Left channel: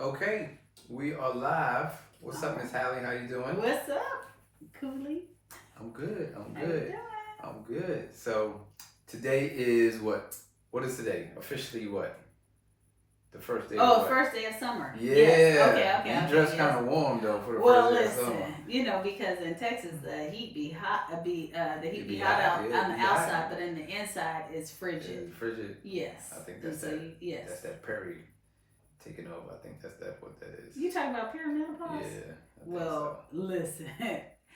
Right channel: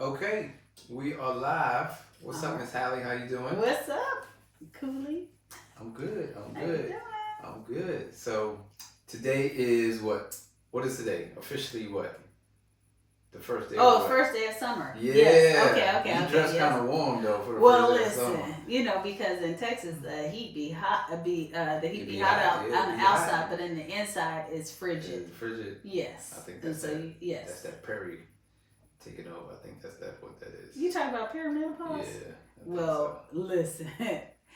Okay, we are live. What's up, Miss Hallie? How you doing? What's up, Cooley? I'm good. I'm How you good. doing? I'm good. So today is what? What is today? Officially what? The first day of Oh, what? first day of summer. Yeah. Yes. Okay. You Okay. dress Yes. kind of warm though for the Well, first day of listen. summer. Because in Texas the heat be hot. The It heat be be hot hot. out Yeah, on it the be hot. outside, but in the inside it's frigid. It's frigid. Yes. I think And that's so that. yes. That's that Perry taking over. I think that's what that is. You talking about perimenopause? Yeah. Well, listen.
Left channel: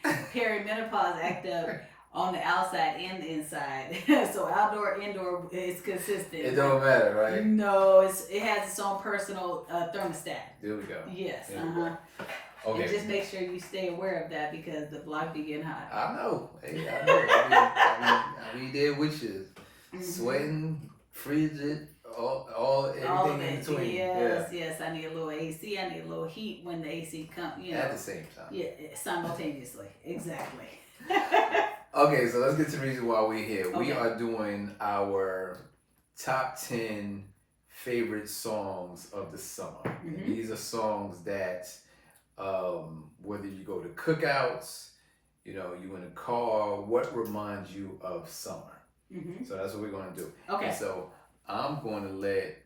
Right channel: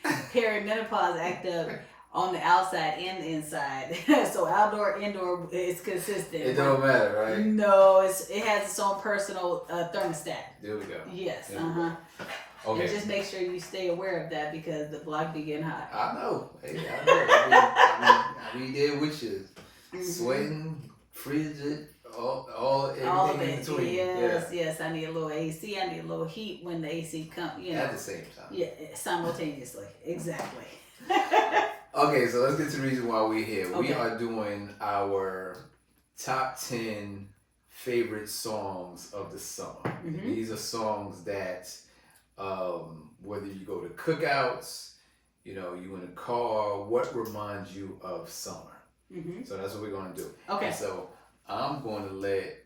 Perimenopause act up on the outside and the inside. So outdoor, indoor, it's consistent. It don't matter, right? No, it has its own personal thermostat. There we go. Yes. There we go. Okay. And just make sure you stay aware of that because the block be getting hot. I know. Hey, I know. I mean, there with you. Sweating, frigid, all everything in between. Yes. I need a little AC. I need a little heat when the AC comes. At the same time. Yeah, simultaneously. Exactly. Okay, so let's get to the reason why we're here. Okay. We are doing our top 10 favorite songs of the summer. And these are songs that, whether you go to cookouts, you're in a car, what reminds you of summer? So that's what we're going to do. Okay. And so I'm going to let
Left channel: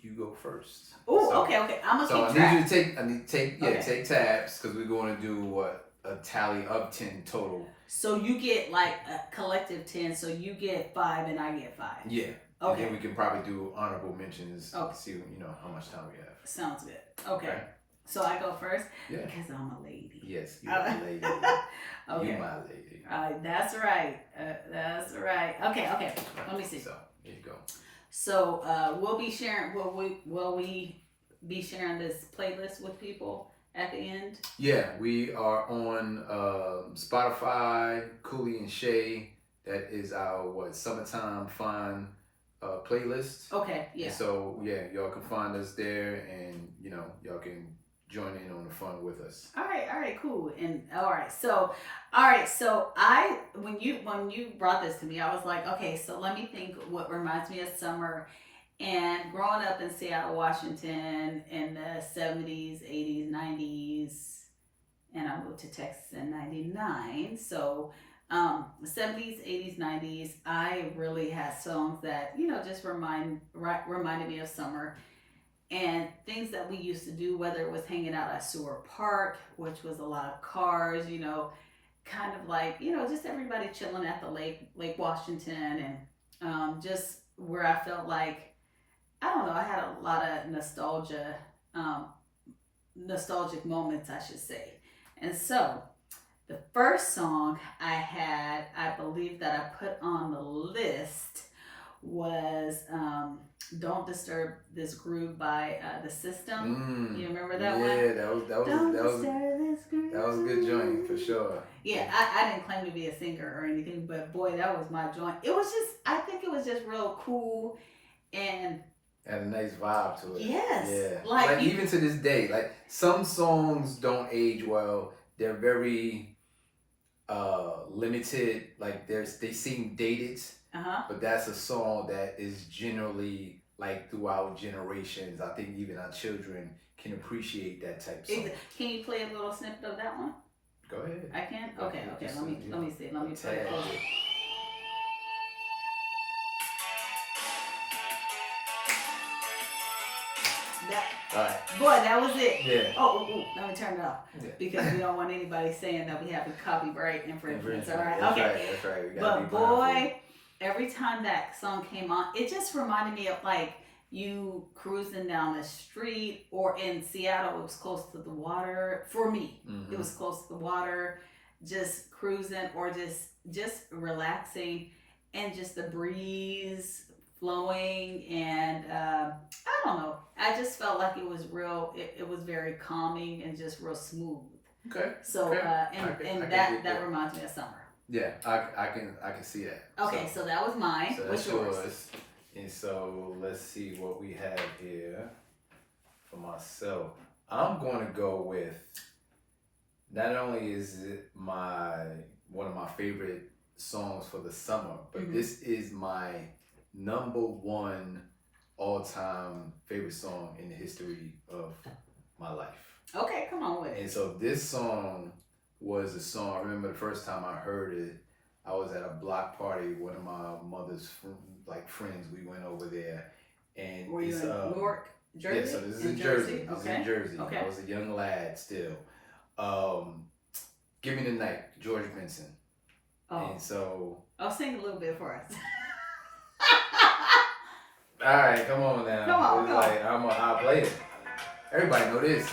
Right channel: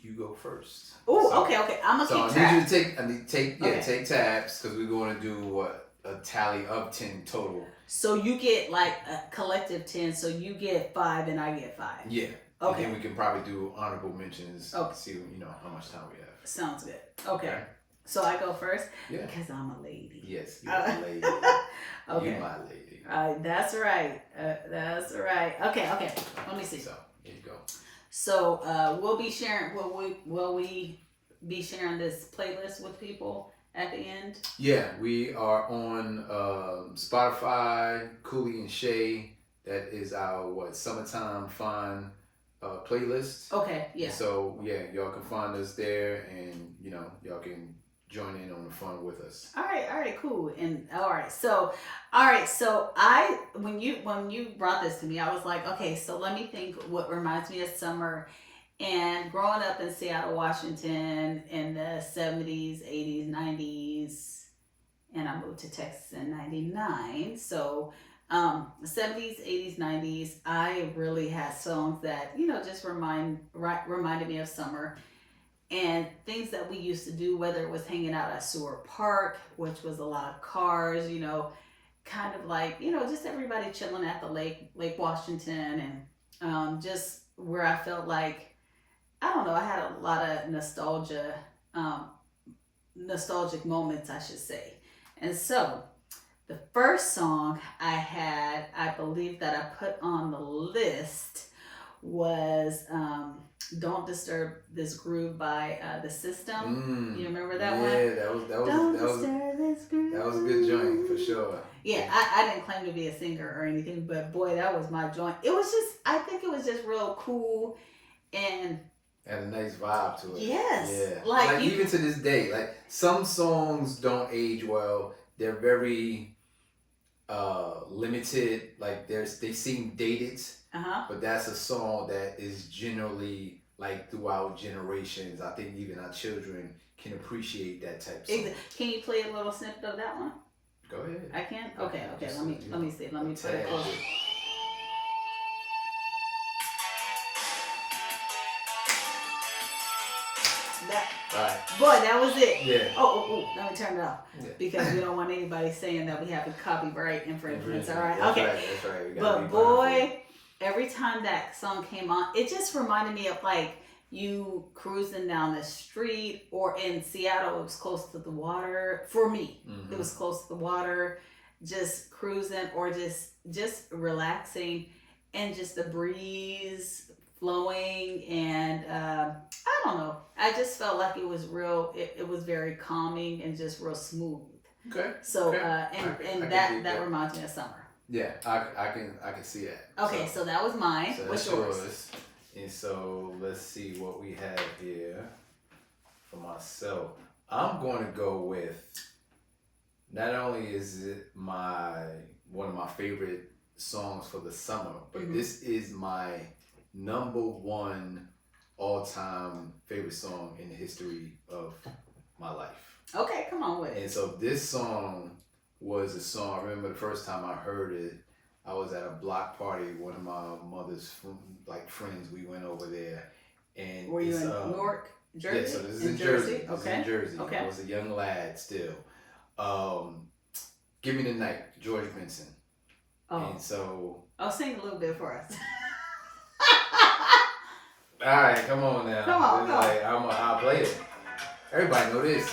you go first. Oh, okay. I'm gonna so keep track. I need to take tabs because we're going to do a tally of 10 total. So you get like a collective 10. So you get 5 and I get 5. Yeah. Okay. And then we can probably do honorable mentions. Okay. See how much time we have. Sounds good. Okay. So I go first. Yeah. Because I'm a lady. Yes, you're a lady. Okay. You my lady. That's right. That's right. Okay. Let me see. So here you go. So we'll be sharing. Will we be sharing this playlist with people at the end? Yeah, we are on Spotify, Cooley and Shay. That is our summertime fun playlist. Okay. Yeah. So y'all can find us there, and y'all can join in on the fun with us. All right, cool. And all right, so when you brought this to me, I was like, okay, so let me think what reminds me of summer. And growing up in Seattle, Washington in the 70s, 80s, 90s, and I moved to Texas in 99. So the 70s, 80s, 90s, I really had songs that, just reminded me of summer. And things that we used to do, whether it was hanging out at Seward Park, which was a lot of cars, kind of like, just everybody chilling at the Lake Washington, and just where I felt like, I don't know, I had a lot of nostalgic moments, I should say. And so the first song I believe that I put on the list was "Don't Disturb This Groove" by The System. You remember that one? Yeah, that was a good joint for sure. Yeah, I didn't claim to be a singer or anything, but boy, that was my joint. I think it was just real cool and had a nice vibe to it. Yes. Yeah. Like even to this day, like some songs don't age well. They're very limited. Like they seem dated. But that's a song that is generally like throughout generations. I think even our children can appreciate that type of song. Can you play a little snippet of that one? Go ahead. I can? Okay. Let me see. Let me put it closer. Boy, that was it. Yeah. Oh, let me turn it off. Yeah. Because we don't want anybody saying that we have a copyright infringement. All right. Okay. That's right. But boy, every time that song came on, it just reminded me of like you cruising down the street, or in Seattle, it was close to the water. For me, it was close to the water, just cruising or just relaxing, and just the breeze flowing, and I don't know. I just felt like it was real. It was very calming and just real smooth. Okay. So that reminds me of summer. Yeah, I can see that. Okay, so that was mine. So that's yours. And so let's see what we have here for myself. I'm going to go with, not only is it one of my favorite songs for the summer, but this is my number one all-time favorite song in the history of my life. Okay, come on with it. And so this song was a song. I remember the first time I heard it. I was at a block party. One of my mother's friends. We went over there, and Were you in Newark, Jersey? Yeah, so this is in Jersey. This is Okay. in Jersey. Okay. I was a young lad still. Give Me the Night, George Benson. Oh. And so. I'll sing a little bit for us. All right, come on now. Come on. I'll play it. Everybody know this.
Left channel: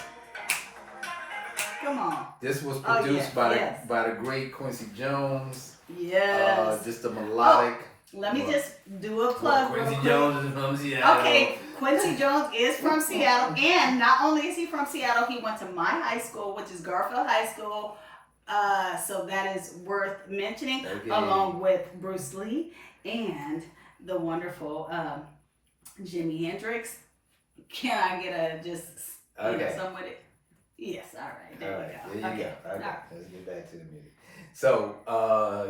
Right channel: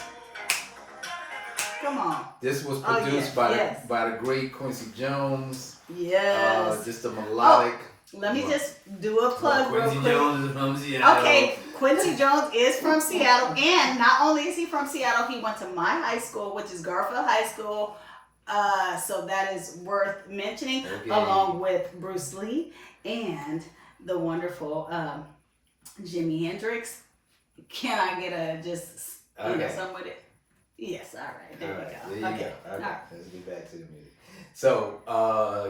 Come on. This was produced by the great Quincy Jones. Yes. Just a melodic. Let me just do a plug real quick. Quincy Jones is from Seattle. Okay, Quincy Jones is from Seattle, and not only is he from Seattle, he went to my high school, which is Garfield High School. So that is worth mentioning, along with Bruce Lee and the wonderful Jimi Hendrix. Can I get a some with it? Yes, all right. There we go. There you go. All right. Let's get back to the music. So,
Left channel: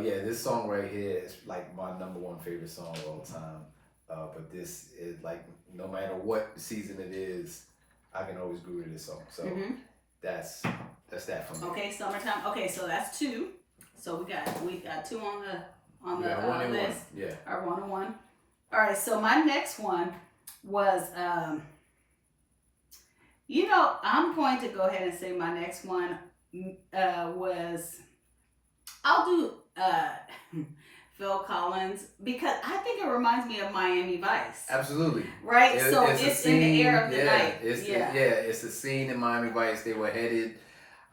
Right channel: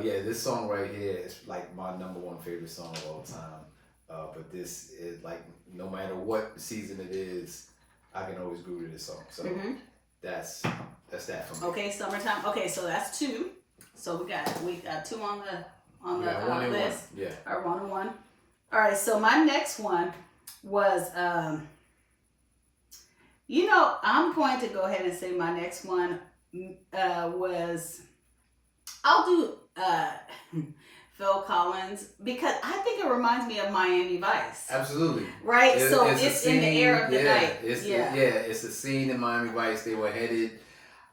this song right here is like my number one favorite song of all time. But this is like, no matter what season it is, I can always groove to this song. So that's that for me. Okay, summertime. Okay, so that's two. So we got two on the list. Yeah. Our 1 and 1. All right. So my next one was I'm going to go ahead and say my next one was, I'll do Phil Collins, because I think it reminds me of Miami Vice. Absolutely. Right? It's in the air of the night. It's a scene in Miami Vice. They were headed,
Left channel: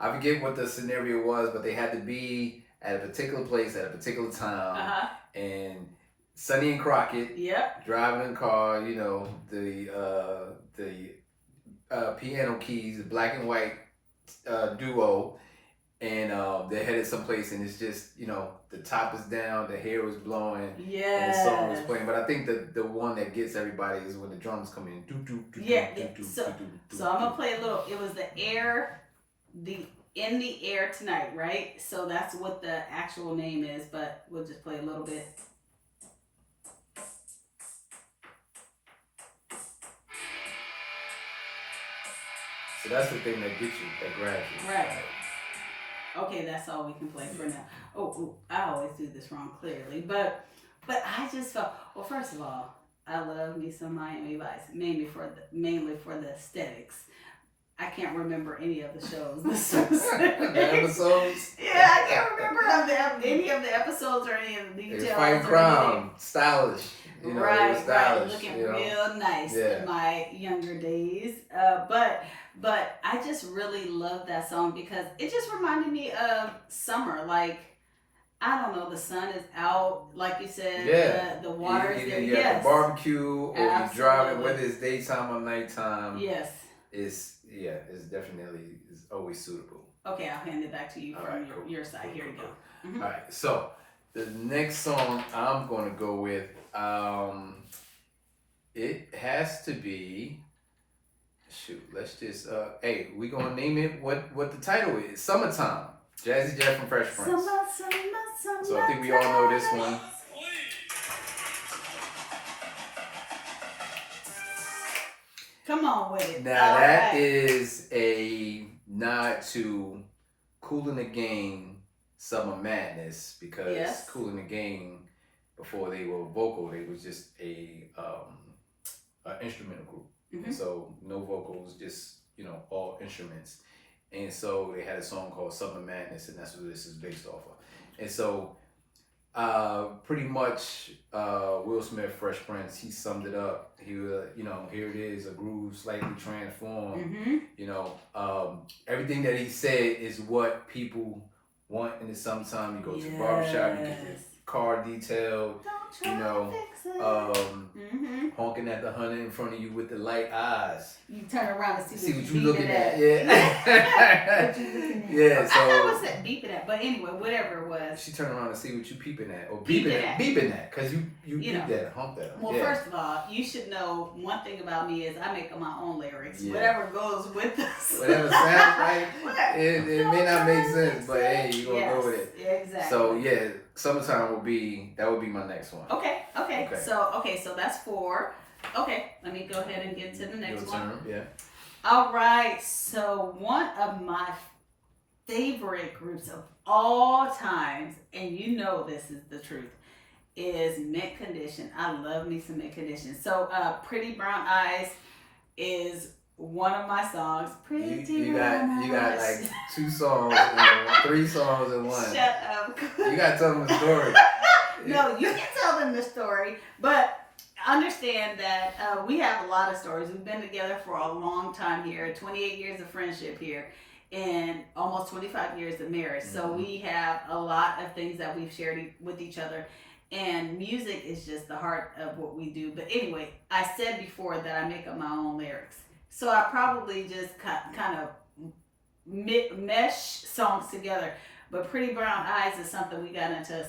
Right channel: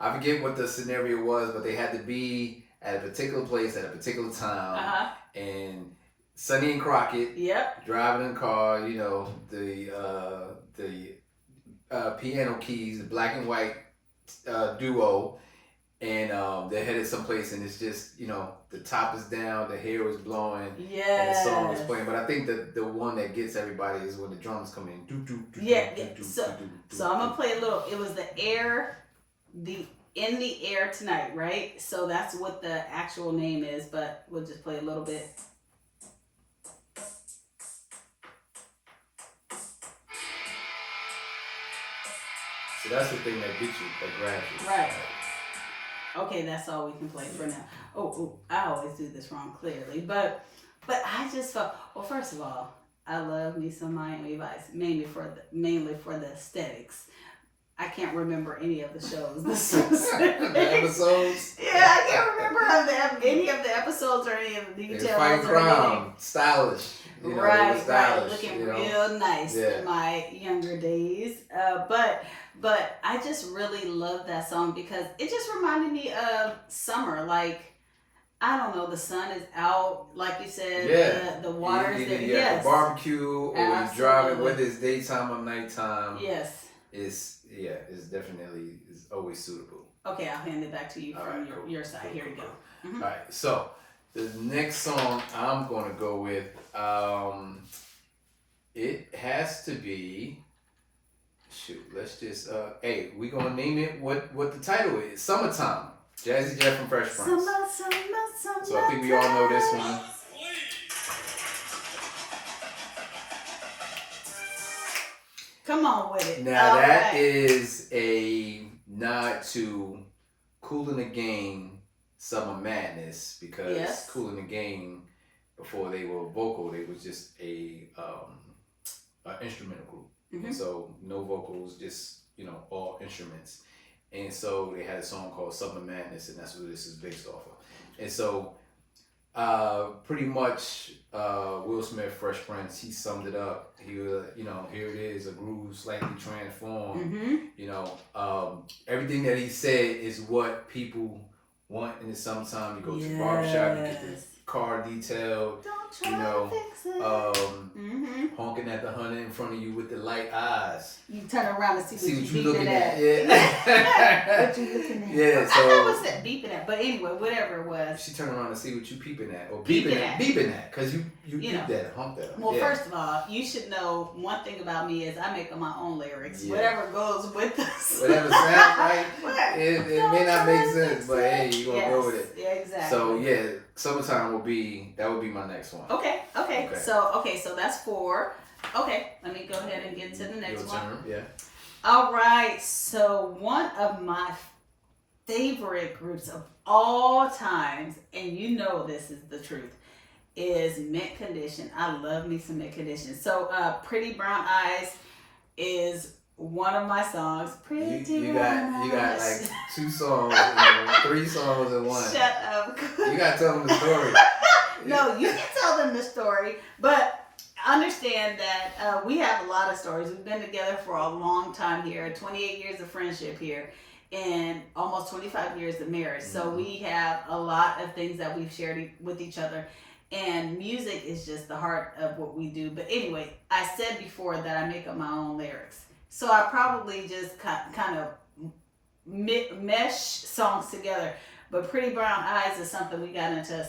I forget what the scenario was, but they had to be at a particular place at a particular time. And Sonny and Crockett driving in the car, the piano keys, black and white duo, and they're headed someplace, and it's just, the top is down, the hair is blowing, and the song is playing. But I think that the one that gets everybody is when the drums come in. So I'm gonna play a little. It was in the air tonight, right? So that's what the actual name is, but we'll just play a little bit. So that's the thing that gets you, that grabs you. Right. Okay, that's all we can play for now. Oh, I always do this wrong, clearly. But I just felt, well, first of all, I love me some Miami Vice, mainly for the aesthetics. I can't remember any of the shows. The episodes? Yeah, I can't remember any of the episodes or any of the details. Fight Crown, stylish. Right, looking real nice in my younger days. But I just really love that song because it just reminded me of summer. Like, I don't know, the sun is out, like you said, the water is there. Yes. The barbecue, or you're driving, whether it's daytime or nighttime. Yes. It's definitely is always suitable. Okay, I'll hand it back to you from your side. Cool, Here you go. Mm-hmm. All right, so the next song I'm going to go with, it has to be, let's just, we're going to name it what the title is. Summertime. Jazzy Jeff from Fresh Prince. Summer. So I think we all know this one. Come on with it. Now that is a nod to Kool and the Gang, Summer Madness, because Kool and the Gang, before they were vocal, they was just a instrumental group. Mm-hmm. And so no vocals, just all instruments. And so they had a song called Summer Madness, and that's what this is based off of. And so pretty much Will Smith, Fresh Prince, he summed it up. He was, here it is, a groove slightly transformed. Mm-hmm. Everything that he said is what people want in the summertime. You go to the barbershop, you get the car detailed, honking at the hunter in front of you with the light eyes. You turn around and see what you looking at. Yeah. What you looking at. Yeah, so. I was beeping at, but anyway, whatever it was. She turned around to see what you peeping at. Or beeping at, because you beep that, hump that. Well, first of all, you should know one thing about me is I make up my own lyrics. Yeah. Whatever goes with this. Whatever sounds right. It may not make sense, but hey, you're going to go with it. Yeah, exactly. So, Summertime would be my next one. Okay. So that's 4. Okay, let me go ahead and get to the next Your one. turn. Yeah. All right, so one of my favorite groups of all times, and you know this is the truth, is Mint Condition. I love me some Mint Condition. So, Pretty Brown Eyes is one of my songs. Pretty You Brown got Eyes. like 2 songs, 3 songs in one. Shut up. You gotta tell them the story. No, you can tell them the story, but understand that we have a lot of stories. We've been together for a long time here, 28 years of friendship here, and almost 25 years of marriage. So Mhm. we have a lot of things that we've shared with each other. And music is just the heart of what we do. But anyway, I said before that I make up my own lyrics. So I probably just kind of mesh songs together. But Pretty Brown Eyes is something we got into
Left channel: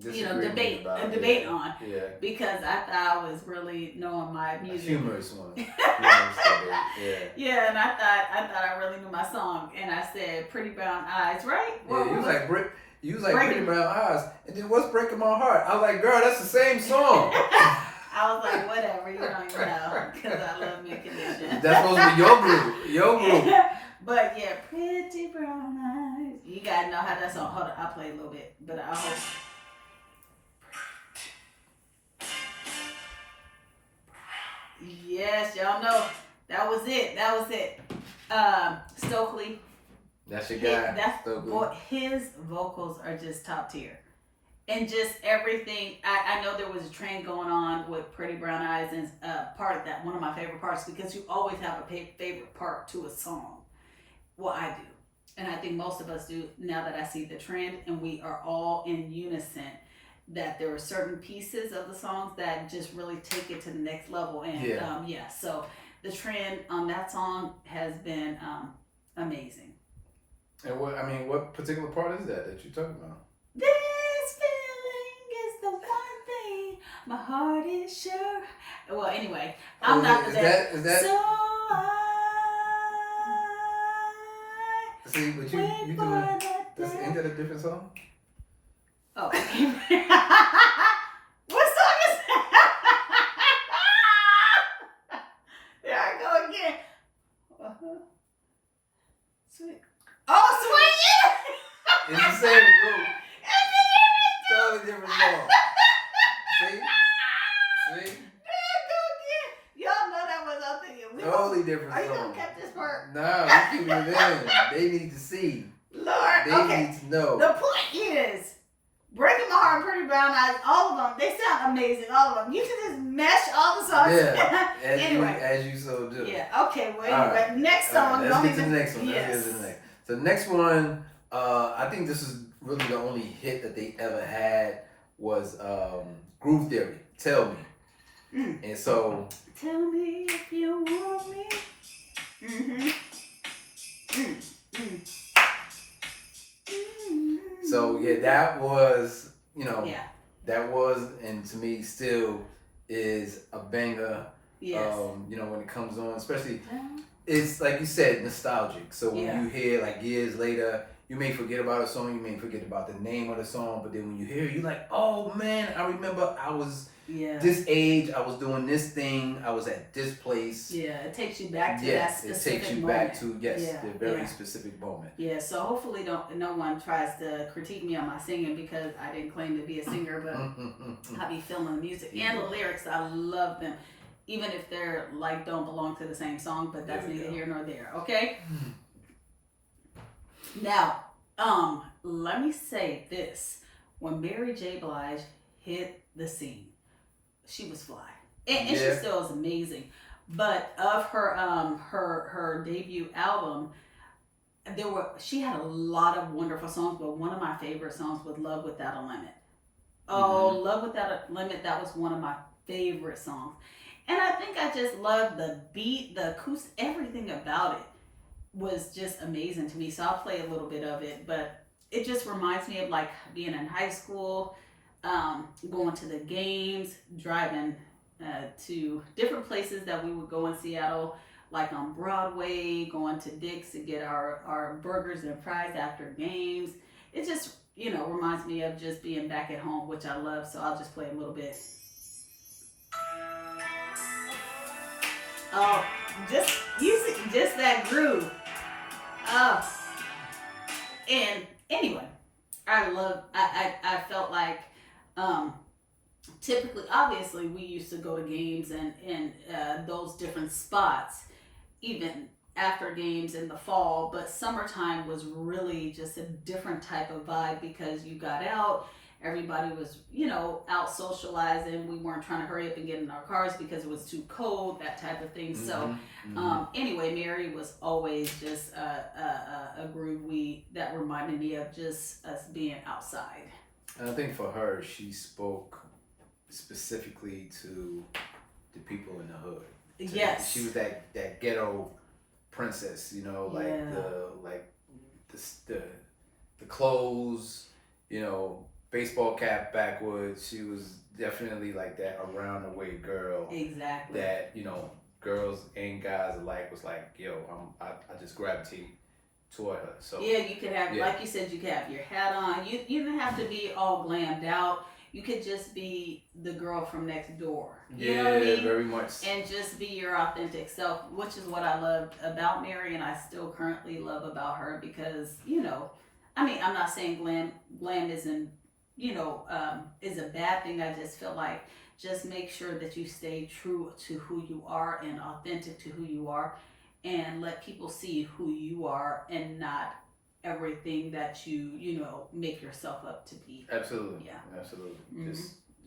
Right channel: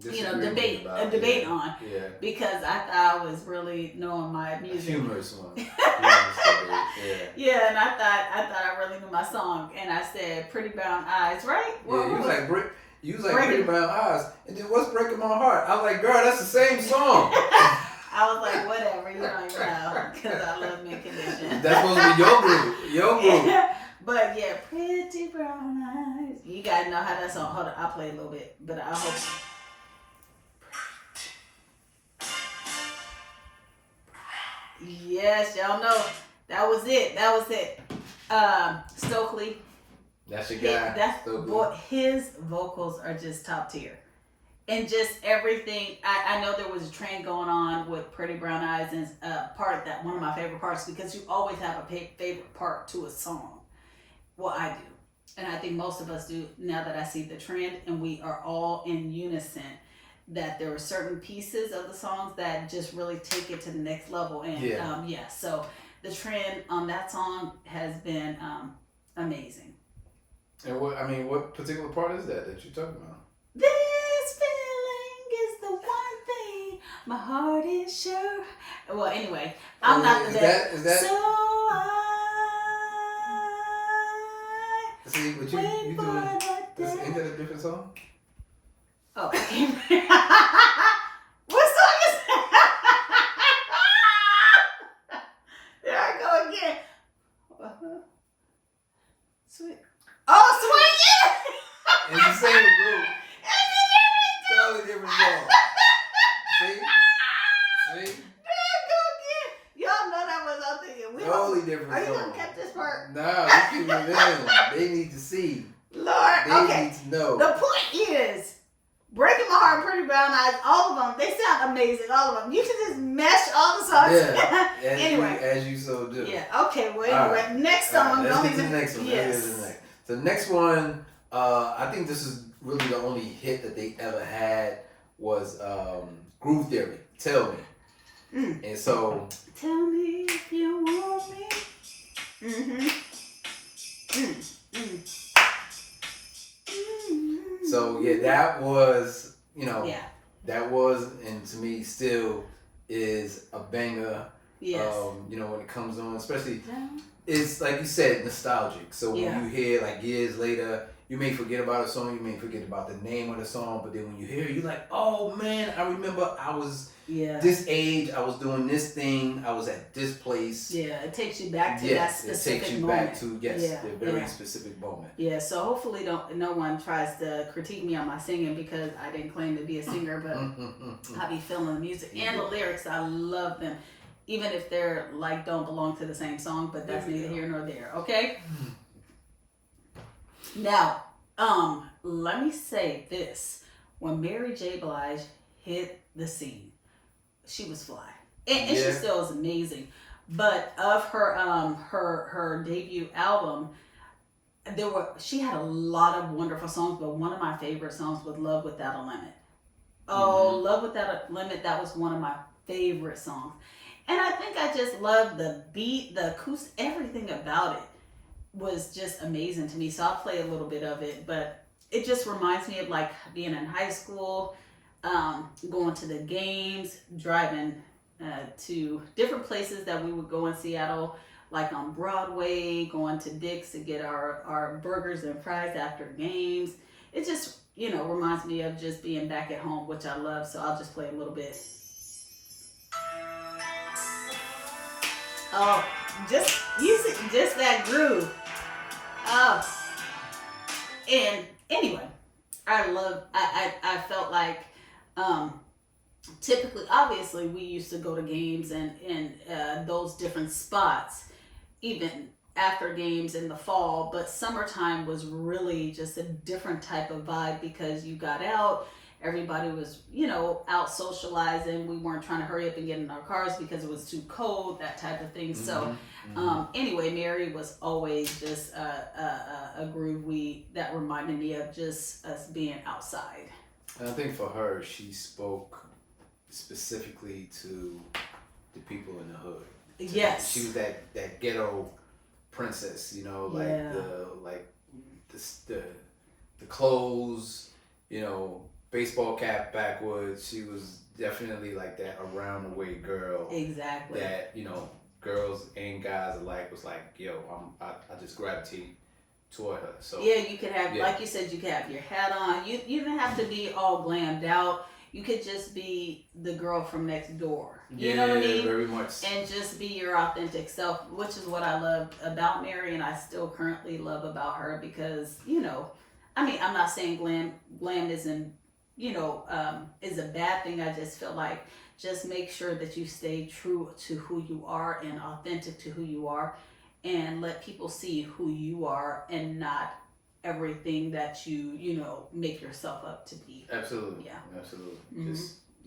debate on, Yeah. because I thought I was really knowing my A music. humorous one. Humorous debate. Yeah. Yeah, and I thought I really knew my song, and I said Pretty Brown Eyes, right? Yeah, you was like Breaking- Pretty Brown Eyes, and then what's Breaking My Heart? I was like, girl, that's the same song. I was like, whatever, you don't even know, because I love Mint Condition. That's supposed to be your group. But yeah, Pretty Brown Eyes. You gotta know how that song. Hold on, I'll play a little bit, but I hope. Yes, y'all know that was it. Stokely. That's your guy. That's Stokely. boy, his vocals are just top tier. And just everything. I know there was a trend going on with Pretty Brown Eyes, and part that one of my favorite parts, because you always have a favorite part to a song. Well, I do. And I think most of us do, now that I see the trend, and we are all in unison that there are certain pieces of the songs that just really take it to the next level. And so the trend on that song has been amazing. And what particular part is that you're talking about? This feeling is the one thing my heart is sure. Well, anyway, I'm not the best. Is that? So See, what you doing? Ain't that a different song? Oh, what song is that? There I go again. Sweet. Oh, Swing. It's the same group. Totally different song. See? Y'all know that was up there. Totally different Are you song. gonna keep this part? No, you keep it in. They need to see. Lord, They okay. need to know. The point is, Breaking My Heart, Pretty Brown Eyes, all of them, they sound amazing. All of them. You can just mesh all the songs. Yeah. Anyway. As you so do. Yeah. Okay. Well, All anyway, right. next All song. right, let's get to the next one. Yes. Let's get to the next. So the next one, I think this is really the only hit that they ever had was Groove Theory. Tell Me. And so. Tell me if you want me. Mm-hmm. So yeah, that was Yeah. that was, and to me still is a banger. Yes. When it comes on, especially it's like you said, nostalgic. So when you hear like years later, you may forget about a song, you may forget about the name of the song, but then when you hear it, you're like, oh man, I remember I was this age, I was doing this thing, I was at this place. Yeah, it takes you back to that Yes, specific it takes you moment. back to the very specific moment. Yeah, so hopefully no one tries to critique me on my singing, because I didn't claim to be a singer, but I be feeling the music and the lyrics. I love them, even if they're like don't belong to the same song, but that's neither here nor there. Okay. Now, let me say this: when Mary J. Blige hit the scene, she was fly, and she still is amazing. But of her debut album, she had a lot of wonderful songs, but one of my favorite songs was Love Without a Limit. Oh, Love Without a Limit, that was one of my favorite songs. And I think I just loved the beat, the acoustic, everything about it was just amazing to me. So I'll play a little bit of it, but it just reminds me of like being in high school, going to the games, driving to different places that we would go in Seattle, like on Broadway, going to Dick's to get our burgers and fries after games. It just, reminds me of just being back at home, which I love. So I'll just play a little bit. Oh, just that groove. Oh, and anyway, I felt like, um, typically, obviously, we used to go to games and those different spots, even after games in the fall. But summertime was really just a different type of vibe because you got out. Everybody was, out socializing. We weren't trying to hurry up and get in our cars because it was too cold, that type of thing. So, anyway, Mary was always just a groove that reminded me of just us being outside. And I think for her, she spoke specifically to the people in the hood. Yes. She was that ghetto princess, like Yeah. the clothes, baseball cap backwards. She was definitely like that around the way girl. Exactly. That, girls and guys alike was like, yo, I just gravitate toward her. So yeah, you could have, like you said, you could have your hat on. You didn't have to be all glammed out. You could just be the girl from next door. You know what I mean? Very much. And just be your authentic self, which is what I loved about Mary, and I still currently love about her because, I'm not saying glam isn't, is a bad thing. I just feel like just make sure that you stay true to who you are and authentic to who you are, and let people see who you are and not everything that you make yourself up to be. Absolutely. Yeah. Absolutely. Mm-hmm.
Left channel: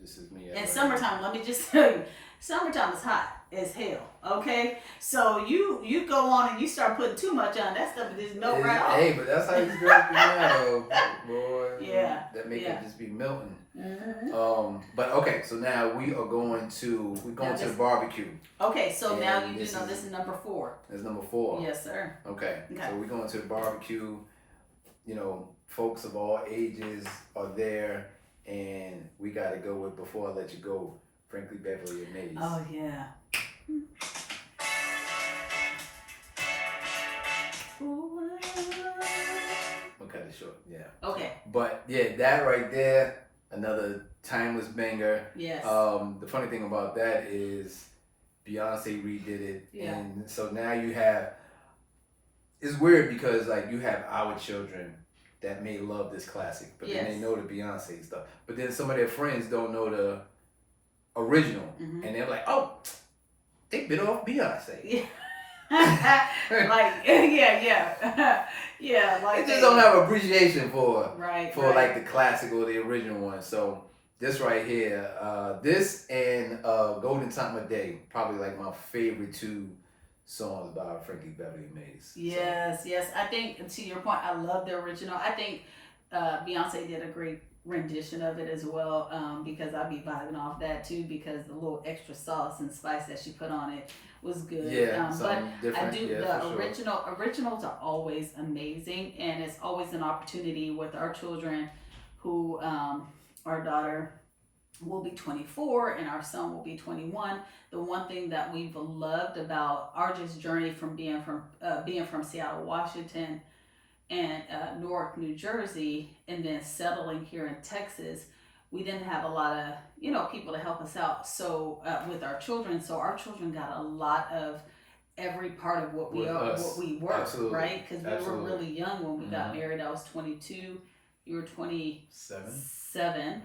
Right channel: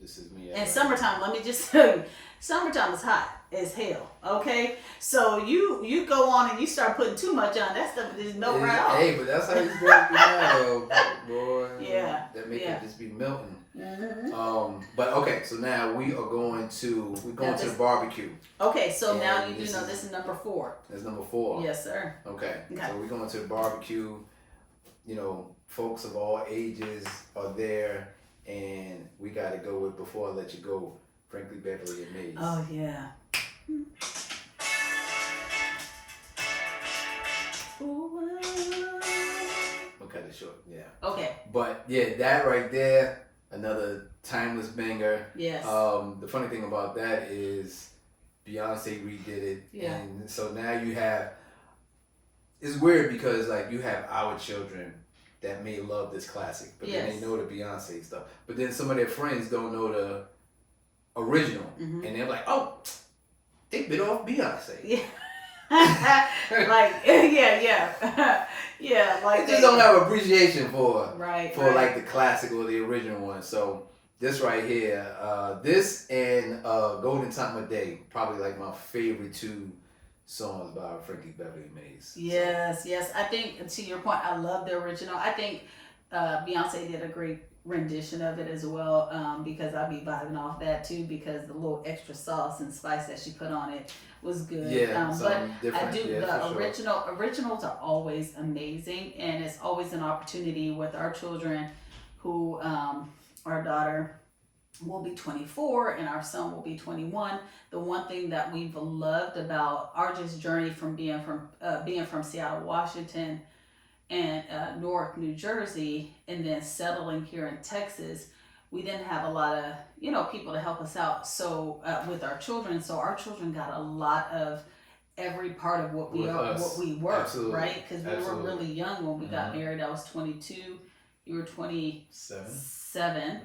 This is me. And summertime, let me just tell you, summertime is hot as hell. Okay, so you go on and you start putting too much on, that stuff just melt right off. Hey, but that's how these girls be now, boy. Yeah. That make it just be melting. Mm-hmm. But okay, so now we're going to the barbecue. Okay, so And now this this is number 4. That's number 4. Yes, sir. Okay. So we're going to the barbecue. Folks of all ages are there, and we got to go with Before I Let You Go, Frankly Beverly and Maze. Oh yeah. We'll cut it short. Yeah. Okay. But yeah, that right there, another timeless banger. Yes. The funny thing about that is Beyonce redid it, and so now you have. It's weird because like you have our children that may love this classic, but then they know the Beyonce stuff. But then some of their friends don't know the original, and they're like, "Oh, they bit off Beyonce." Yeah. Like yeah, like they just don't have appreciation for right. like the classic or the original one. So this right here, this and Golden Time of Day, probably like my favorite 2 songs by Frankie Beverly and Maze. Yes. I think to your point, I love the original. I think Beyonce did a great rendition of it as well, because I'd be vibing off that too because the little extra sauce and spice that she put on it was good. Yeah, but different. I do the originals are always amazing, and it's always an opportunity with our children who our daughter will be 24 and our son will be 21. The one thing that we've loved about RJ's journey from being from Seattle, Washington, and Newark, New Jersey, and then settling here in Texas, we didn't have a lot of people to help us out. So with our children, our children got a lot of every part of what we were, Absolutely. Right? Because we were really young when we got married. I was 22, you were 27. Yeah.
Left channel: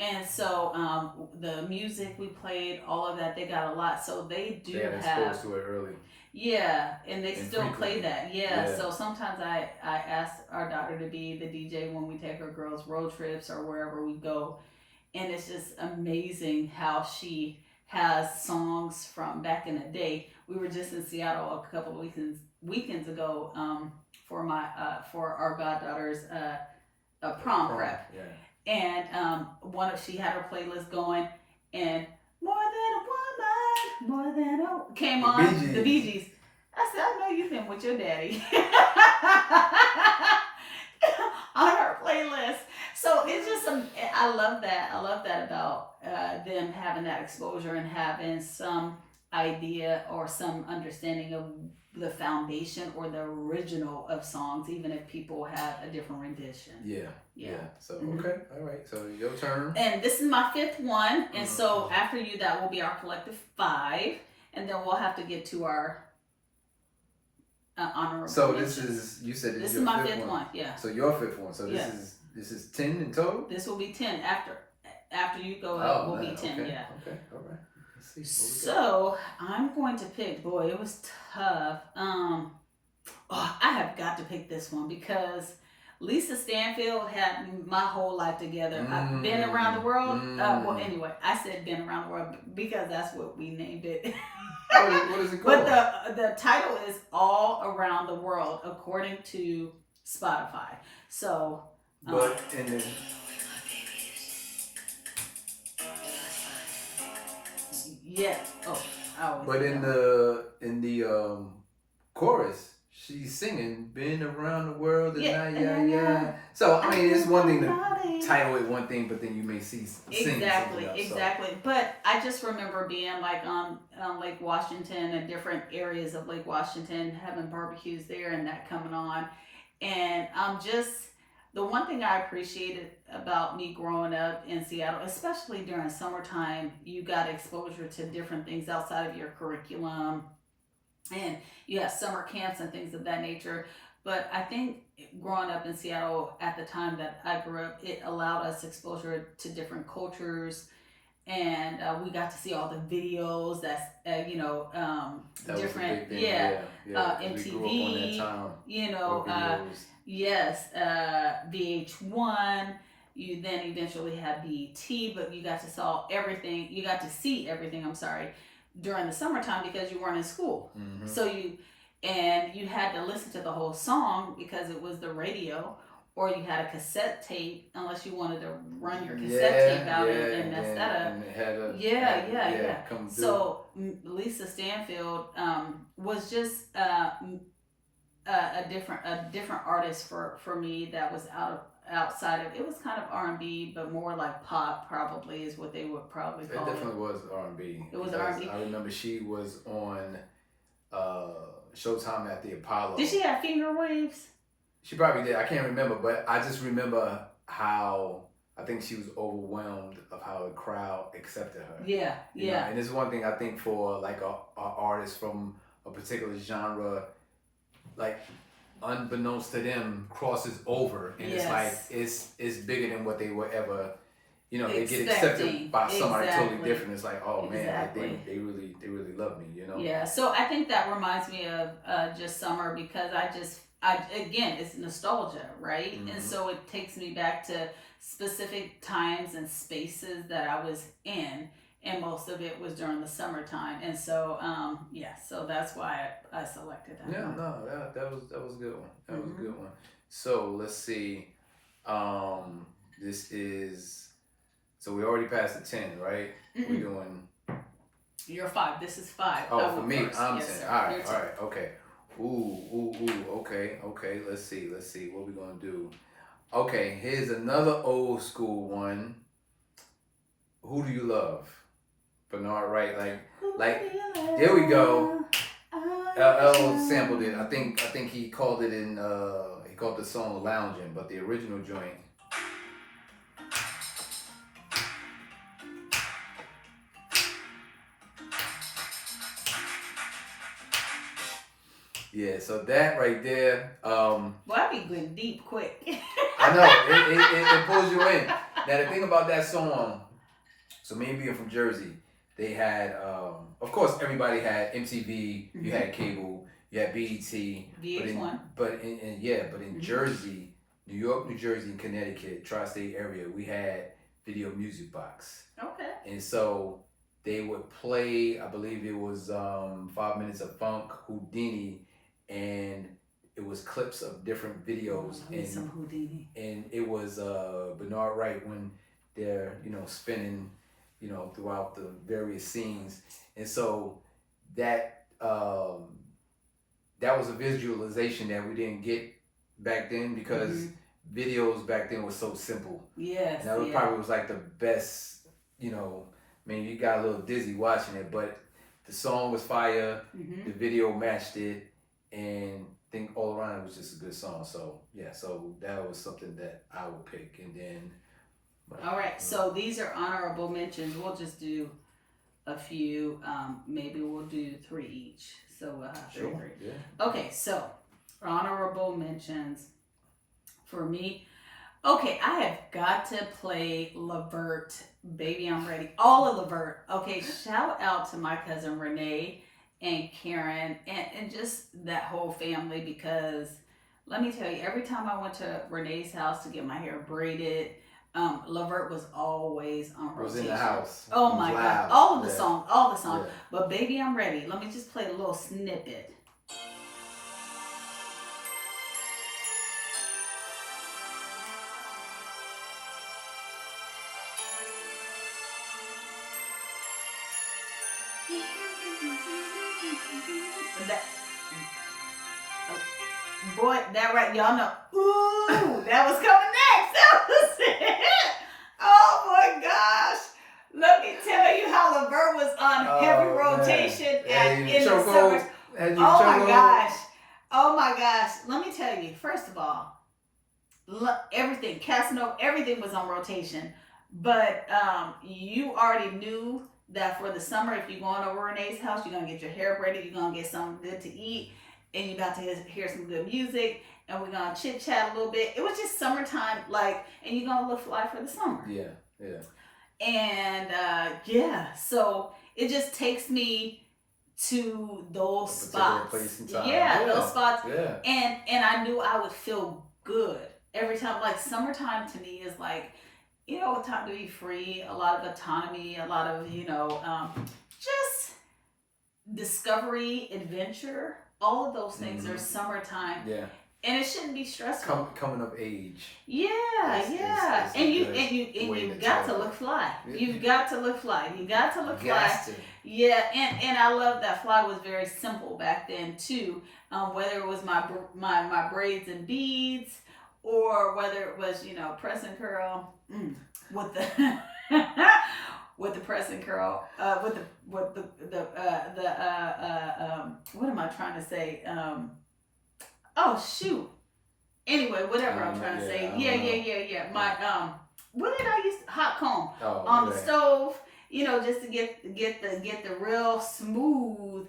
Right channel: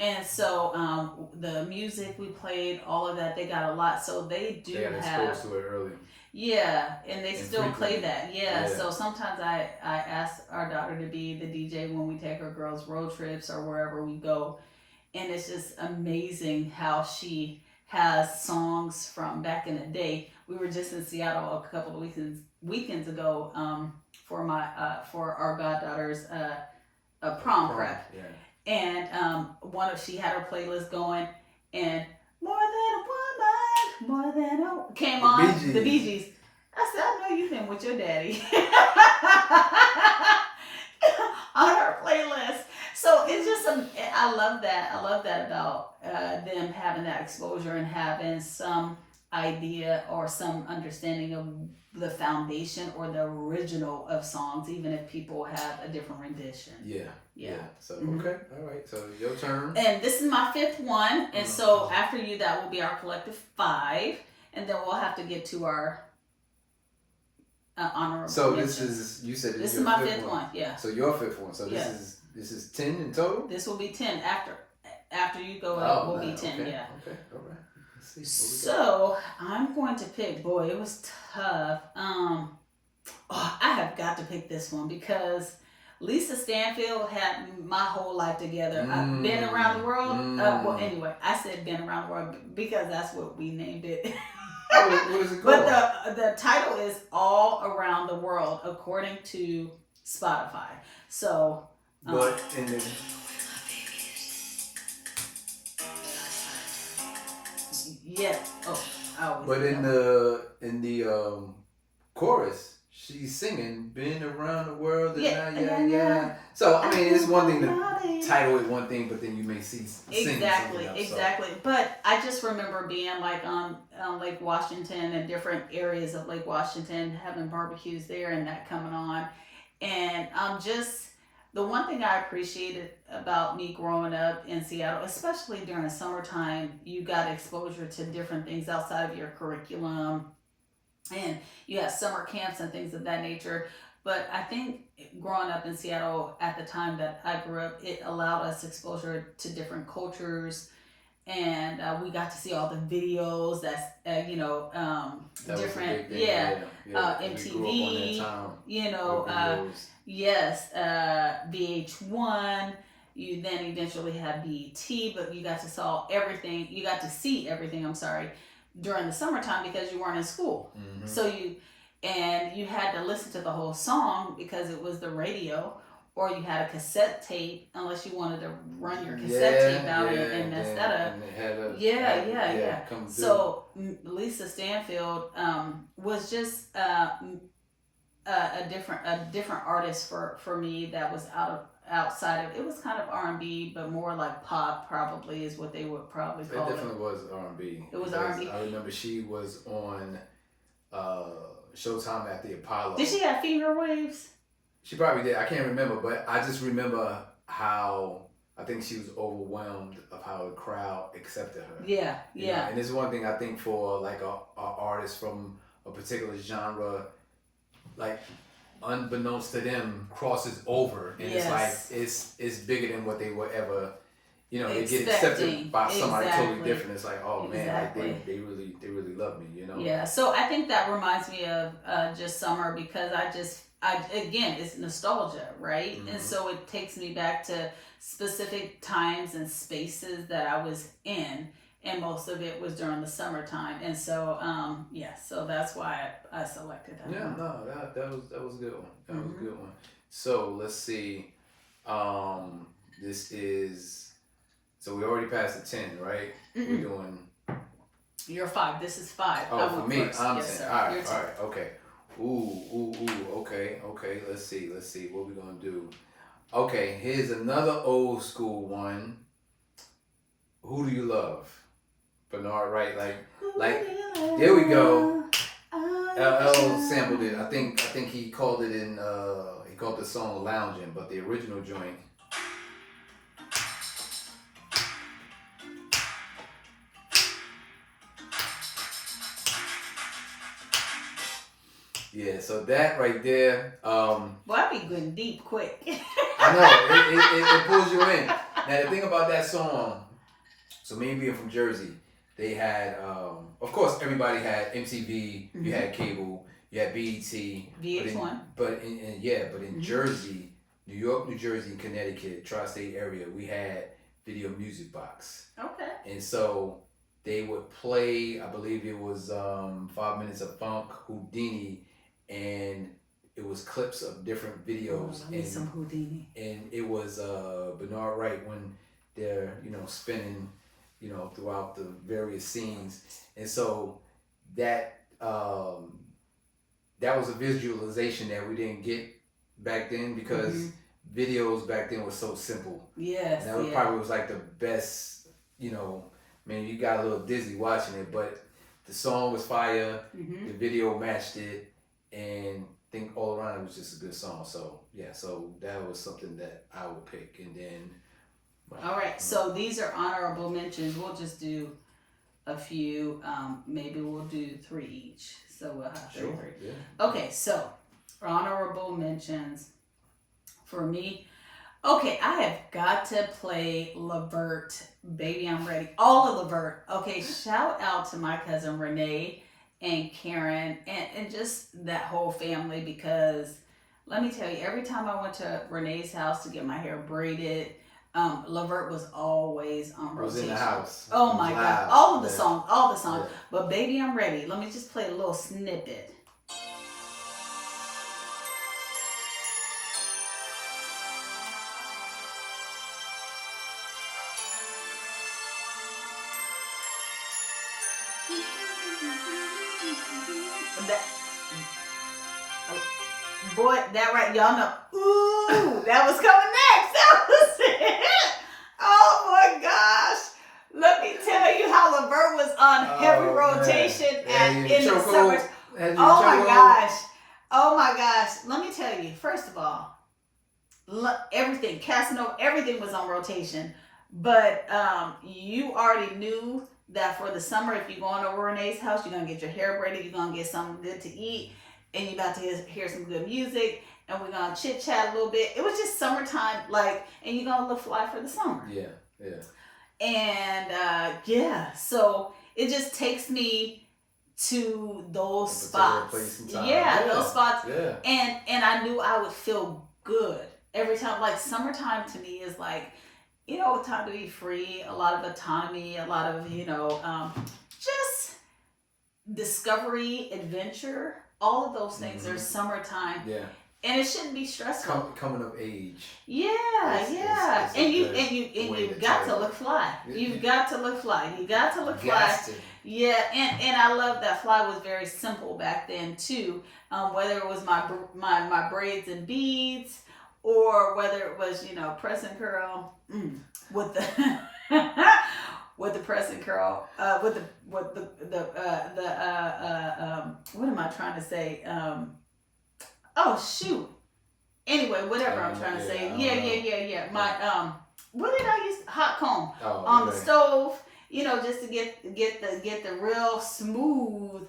And so the music we played, all of that, they got a lot. So they got exposed to it early. Yeah, and they still frequently. play that. Yeah, so sometimes I ask our daughter to be the DJ when we take our girls road trips or wherever we go. And it's just amazing how she has songs from back in the day. We were just in Seattle a couple of weekends ago for our goddaughter's prom prep. Yeah. And she had her playlist going, and More Than a Woman, More Than a came on the Bee Gees. I said, I know you've been with your daddy on her playlist. So it's just I love that. I love that about them having that exposure and having some idea or some understanding of the foundation or the original of songs, even if people have a different rendition. Yeah. So okay, all right. So your turn. And this is my 5th one, and so after you, that will be our collective 5. and then we'll have to get to our honorable So mentions. this is, you said This is your my fifth one. Yeah. So your fifth one. So Yeah. this is 10 in total? This will be 10 after you go Oh, up. Will man, be 10. okay, Yeah. Okay. All right. Let's see. So I'm going to pick. Boy, it was tough. I have got to pick this one because Lisa Stanfield had My Whole Life Together. I've been around the world. Well, anyway, I said been around the world because that's what we named it. What is it called? But the title is All Around the World according to Spotify. So. But in the Yeah. Oh. But in the chorus, she's singing "Been Around the World" and yeah. So I mean, it's one thing to title it one thing, but then you may sing exactly. something else, But I just remember being like on Lake Washington and different areas of Lake Washington, having barbecues there and that coming on, and just. The one thing I appreciated about me growing up in Seattle, especially during summertime, you got exposure to different things outside of your curriculum. And you have summer camps and things of that nature. But I think growing up in Seattle at the time that I grew up, it allowed us exposure to different cultures. And we got to see all the videos that's, that different, MTV, yes, VH1. You then eventually have BET, but you got to see everything, I'm sorry, during the summertime because you weren't in school. Mm-hmm. So you had to listen to the whole song because it was the radio, or you had a cassette tape unless you wanted to run your cassette tape out and mess that up. And it had come through. So Lisa Stanfield was just a different artist for me that was outside of, it was kind of R&B, but more like pop probably is what they would probably call it. It definitely was R&B. It was R&B. I remember she was on Showtime at the Apollo. Did she have Finger Waves? She probably did. I can't remember, but I just remember how I think she was overwhelmed of how the crowd accepted her. Yeah. And it's one thing I think for like a artist from a particular genre, like unbeknownst to them, crosses over, and it's like it's bigger than what they were ever. They get accepted by somebody totally different. It's like, oh man, like they really love me. Yeah. So I think that reminds me of just summer because again, it's nostalgia, right? Mm-hmm. And so it takes me back to specific times and spaces that I was in, and most of it was during the summertime. And so, so that's why I selected that. Yeah, one. No, that was a good one. That was a good one. So let's see. This is. So we already passed the 10, right? Mm-mm. We're doing. You're 5. This is 5. Oh, for me, first. I'm yes, 10. Sir. All right, okay. Ooh, okay. Let's see. What we gonna do? Okay, here's another old school one. Who Do You Love? Bernard Wright, there we go. LL sampled it. I think he called it he called the song Lounging, but the original joint. Yeah, so that right there. Well, I be going deep quick. I know it pulls you in. Now the thing about that song, so me being from Jersey, they had, of course, everybody had MTV. Mm-hmm. You had cable. You had BET. VH1. But in Jersey, New York, New Jersey, and Connecticut, tri-state area, we had Video Music Box. Okay. And so they would play. I believe it was 5 Minutes of Funk, Houdini. And it was clips of different videos. I need some Houdini. And it was Bernard Wright when they're, spinning, throughout the various scenes. And so that was a visualization that we didn't get back then because videos back then was so simple. Yes. And that probably was like the best, you got a little dizzy watching it, but the song was fire, the video matched it. And I think all around it was just a good song. So that was something that I would pick. And then all right, so these are honorable mentions. We'll just do a few. Maybe we'll do 3 each. So we'll have 3. Sure. Yeah. Okay, so honorable mentions for me. Okay, I have got to play Levert. Baby, I'm ready. All of Levert. Okay, shout out to my cousin Renee and Karen and just that whole family, because let me tell you, every time I went to Renee's house to get my hair braided, Levert was always on rotation. Was in the house. Oh my God. All of the songs. Yeah. But Baby, I'm ready. Let me just play a little snippet. Boy, that right, y'all know. Ooh, that was coming next. That was it. Oh my gosh. Let me tell you how Levert was on heavy rotation in the summer. Oh my gosh. Oh my gosh. Let me tell you, first of all, everything, Casanova, everything was on rotation. But you already knew that for the summer, if you're going over Renee's house, you're going to get your hair braided, you're going to get something good to eat, and you're about to hear some good music, and we're going to chit chat a little bit. It was just summertime, and you're going to look fly for the summer. Yeah. And so it just takes me to those spots. Those spots. Yeah. And I knew I would feel good every time. Like summertime to me is like, a time to be free, a lot of autonomy, a lot of, just discovery, adventure. All of those things are summertime. Yeah. And it shouldn't be stressful. Coming of age. Yeah. And you've got to look fly. You've got to look fly. You got to look fly. Yeah, and I love that fly was very simple back then too. Whether it was my braids and beads, or whether it was press and curl with the with the press and curl with the what am I trying to say? Oh shoot. Anyway, whatever I'm trying to say. Yeah. My what did I use? Hot comb on the stove. Just to get the real smooth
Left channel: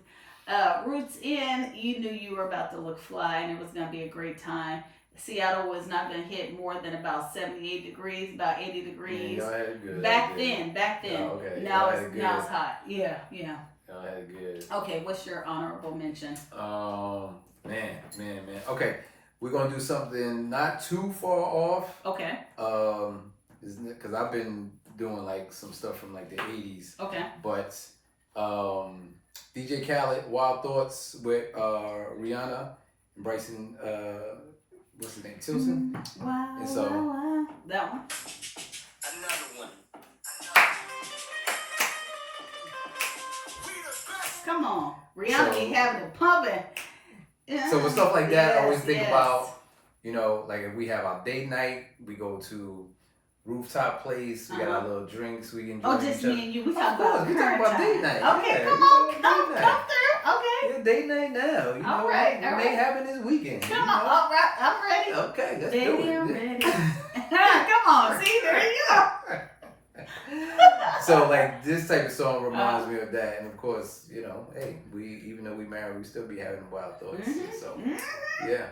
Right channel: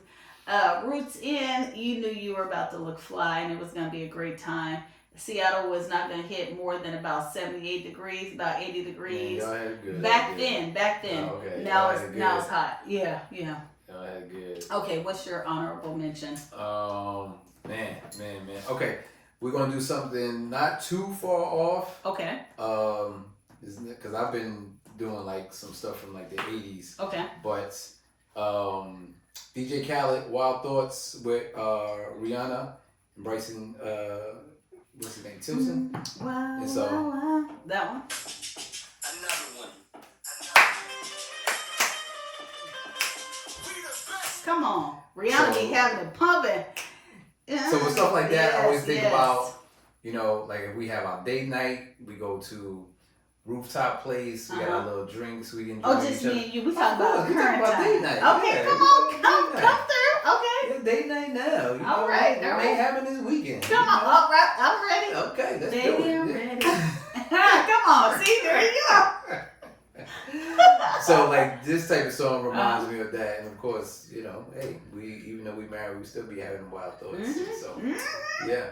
roots in. You knew you were about to look fly, and it was gonna be a great time. Seattle was not going to hit more than about 78 degrees, about 80 degrees. Back then. Oh, okay. Now it's hot. Yeah. Y'all had good. Okay, what's your honorable mention? Man. Okay, we're gonna do something not too far off. Okay. Because I've been doing like some stuff from like the 80s. Okay. But DJ Khaled, Wild Thoughts with Rihanna, and Bryson. What's his name? Tilson? Wow. And so, that one. Another one. Come on. Rihanna be having it pumping. So with stuff like that, I always think about, like if we have our date night, we go to rooftop place, we got our little drinks, we can drink. Oh, just me and you. We talk about date night. Okay, come through. Okay. Yeah, date night now. All right. It may happen this weekend. Come on. All right. I'm ready. Okay, let's do it. I'm ready. Come on. See, there you go. So like this type of song reminds me of that, and of course, hey, we even though we married, we still be having wild thoughts. So yeah,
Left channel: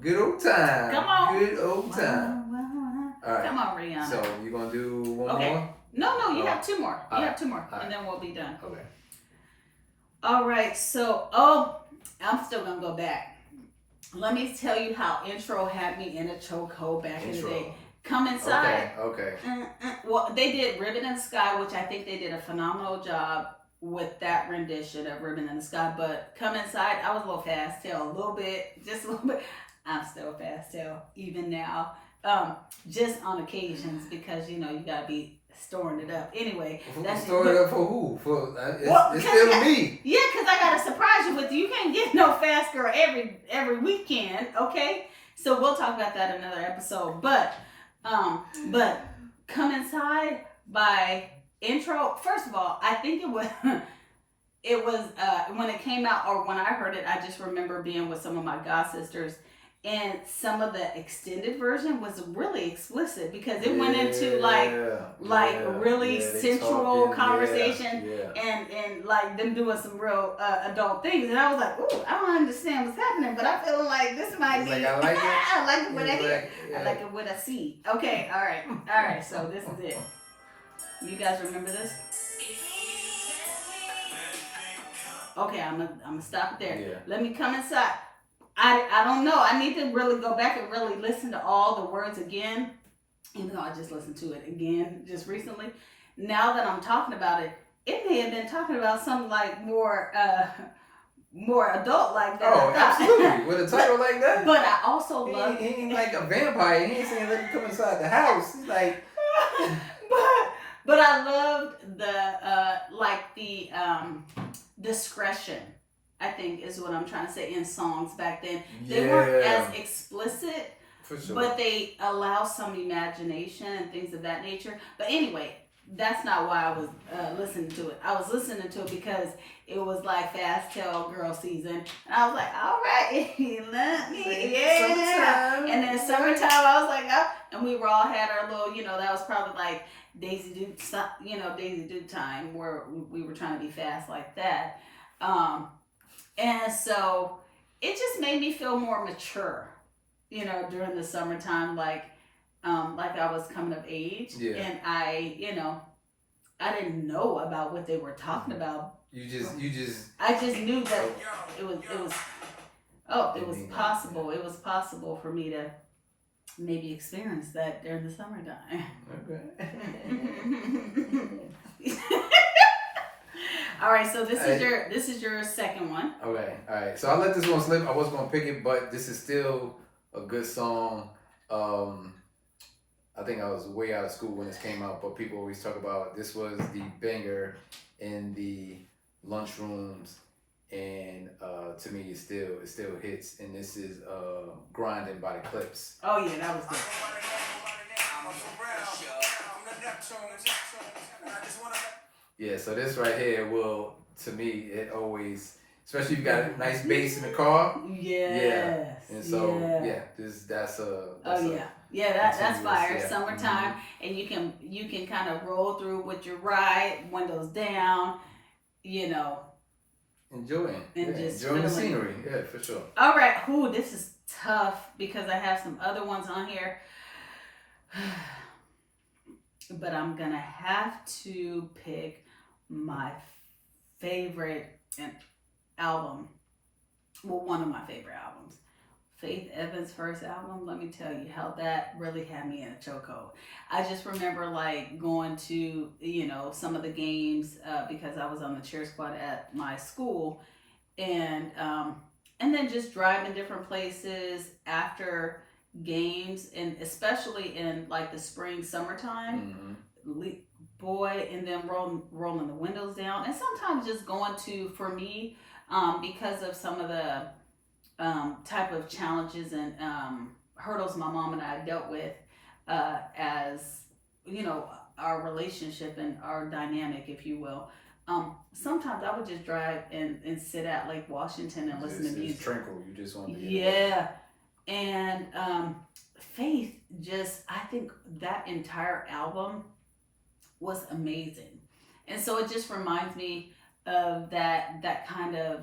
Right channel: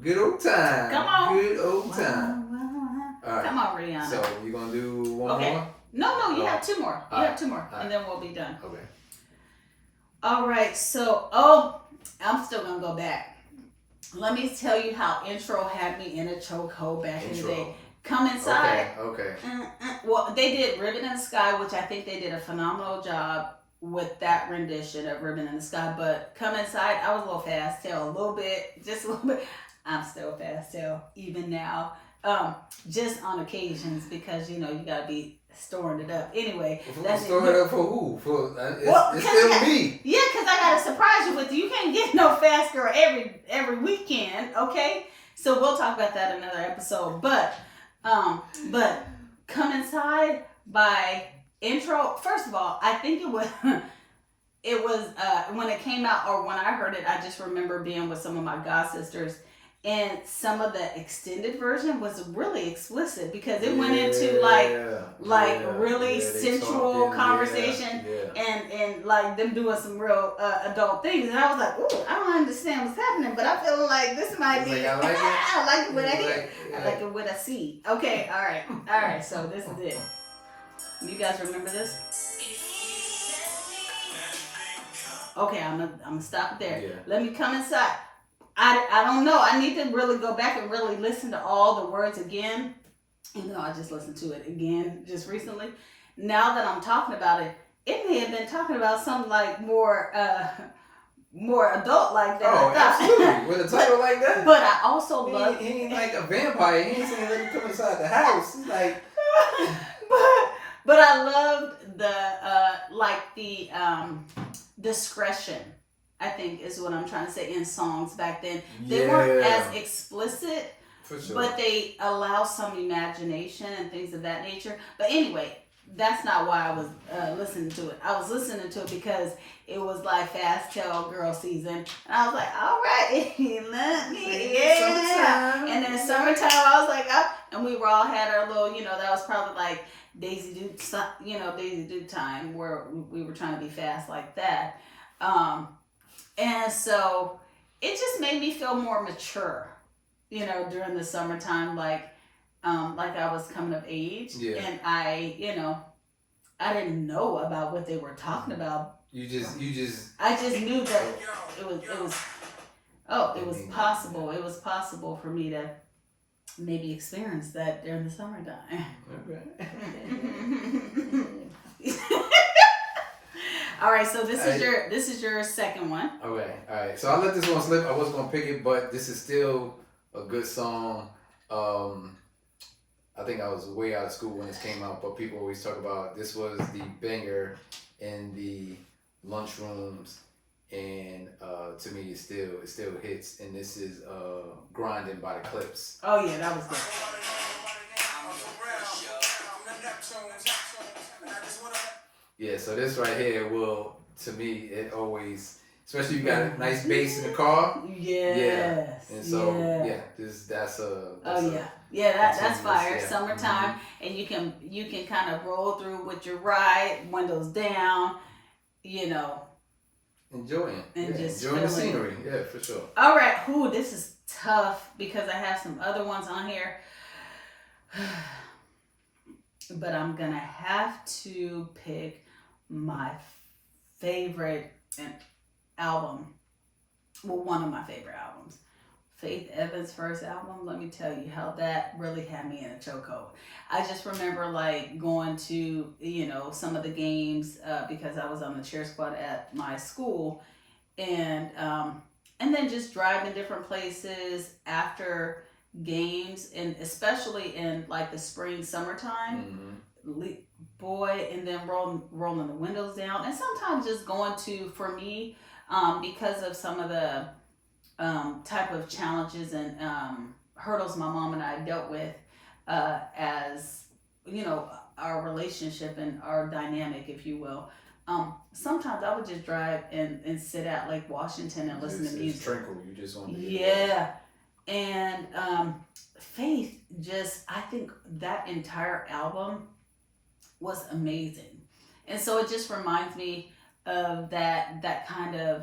good old time. Come on. Good old time. All right. Come on, Rihanna. So you gonna do one more? No, you have 2 more. You have 2 more, and then we'll be done. Okay. All right, so, I'm still going to go back. Let me tell you how Intro had me in a chokehold back in the day. Come Inside. Okay. Well, they did Ribbon in the Sky, which I think they did a phenomenal job with that rendition of Ribbon in the Sky. But Come Inside, I was a little fast tail, just a little bit. I'm still fast tail, even now. Just on occasions, because, you got to be storing it up. Anyway. Storing it up for who? It's still me. Yeah, because I got to surprise you with you can't get no fast girl every weekend, okay? So we'll talk about that in another episode. But Come Inside by Intro. First of all, I think it was when it came out, or when I heard it, I just remember being with some of my god sisters, And some of the extended version was really explicit because it went into like really sensual conversation and like them doing some real adult things. And I was like, ooh, I don't understand what's happening, but I feel like this might be. Like, I like it. I like it with a It's hit. I like it with a C. Okay, all right. So this is it. You guys remember this? Okay, I'm gonna stop it there. Yeah. Let me come inside. I don't know. I need to really go back and really listen to all the words again. Even though I just listened to it again just recently. Now that I'm talking about it, it may have been talking about something like more adult like that. Oh, absolutely. With a title like that. But I also love. He ain't like a vampire. He ain't saying let me come inside the house. He's like. but I loved the discretion. I think is what I'm trying to say in songs back then. They weren't as explicit, for sure. but they allow some imagination and things of that nature. But anyway, that's not why I was listening to it. I was listening to it because it was like Fast Tell Girl season. And I was like, all right, let me, yeah. And then summertime, I was like, oh, and we all had our little, that was probably like Daisy Duke time where we were trying to be fast like that. And so it just made me feel more mature, during the summertime, like I was coming of age. Yeah. And I didn't know about what they were talking about. You just. I just knew that it was possible. It was possible for me to maybe experience that during the summertime. Okay. All right, so this is your second one. Okay, all right. So I let this one slip. I was gonna pick it, but this is still a good song. I think I was way out of school when this came out, but people always talk about this was the banger in the lunchrooms, and to me it still hits. And this is "Grinding" by the Clips. Oh yeah, that was good. Yeah, so this right here will, to me, it always, especially if you got a nice bass in the car. Yes. And so that's that's fire. Yeah. Summertime, and you can kind of roll through with your ride, windows down, enjoying and just enjoying the feeling. scenery. Yeah, for sure. All right, this is tough because I have some other ones on here. But I'm gonna have to pick my favorite album. Well, one of my favorite albums. Faith Evans' first album. Let me tell you how that really had me in a chokehold. I just remember like going to, some of the games because I was on the cheer squad at my school, and then just driving different places after games, and especially in like the spring, summertime, and then rolling the windows down, and sometimes just going to, for me, because of some of the type of challenges and hurdles my mom and I dealt with as our relationship and our dynamic, if you will. Sometimes I would just drive and sit at Lake Washington and listen to music. It's tranquil. You just want to And Faith, I think that entire album was amazing. And so it just reminds me of that kind of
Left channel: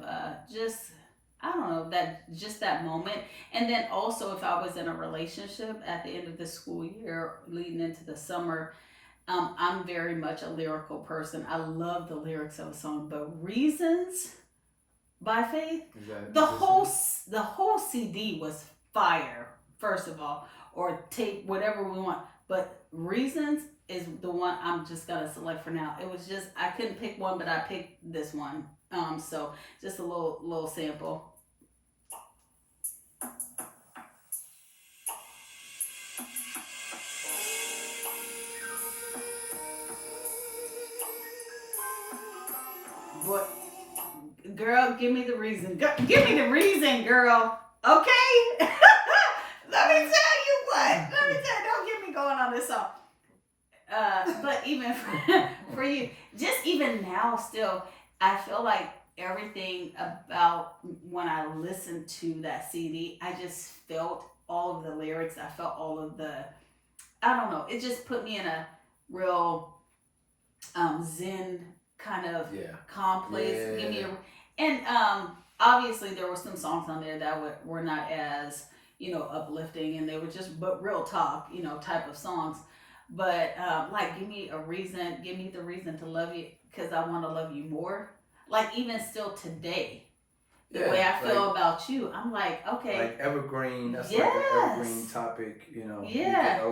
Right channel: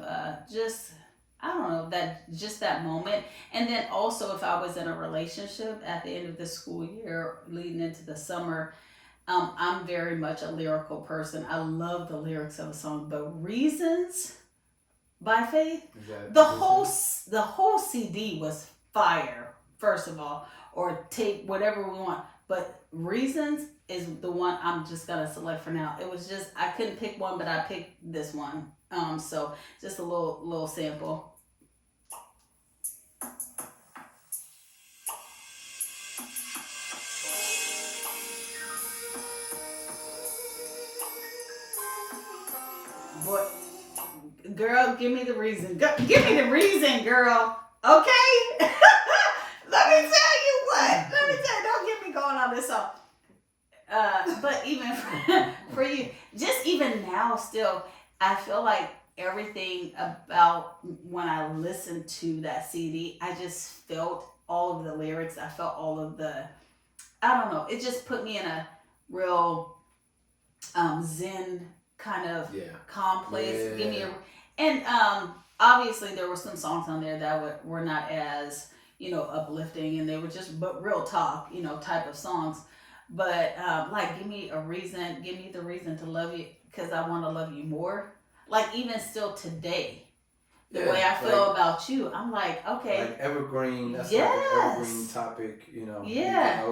that moment. And then also if I was in a relationship at the end of the school year leading into the summer, I'm very much a lyrical person. I love the lyrics of a song, but Reasons by Faith, the whole CD was fire, first of all, or tape, whatever we want. But Reasons is the one I'm just gonna select for now. It was just, I couldn't pick one, but I picked this one. So just a little sample. Boy, girl, give me the reason. Give me the reason, girl. Okay? Let me tell you what. Don't get me going on this song. But even for you, just even now still, I feel like everything about when I listened to that CD, I just felt all of the lyrics. I felt all of I don't know, it just put me in a real zen kind of calm place. Give me and obviously there were some songs on there that were not as, uplifting, and they were just but real talk, type of songs. But like, give me the reason to love you, because I want to love you more. Like, even still today, the way I feel about you, I'm like, okay, like evergreen. That's yes, like an evergreen topic. Yeah,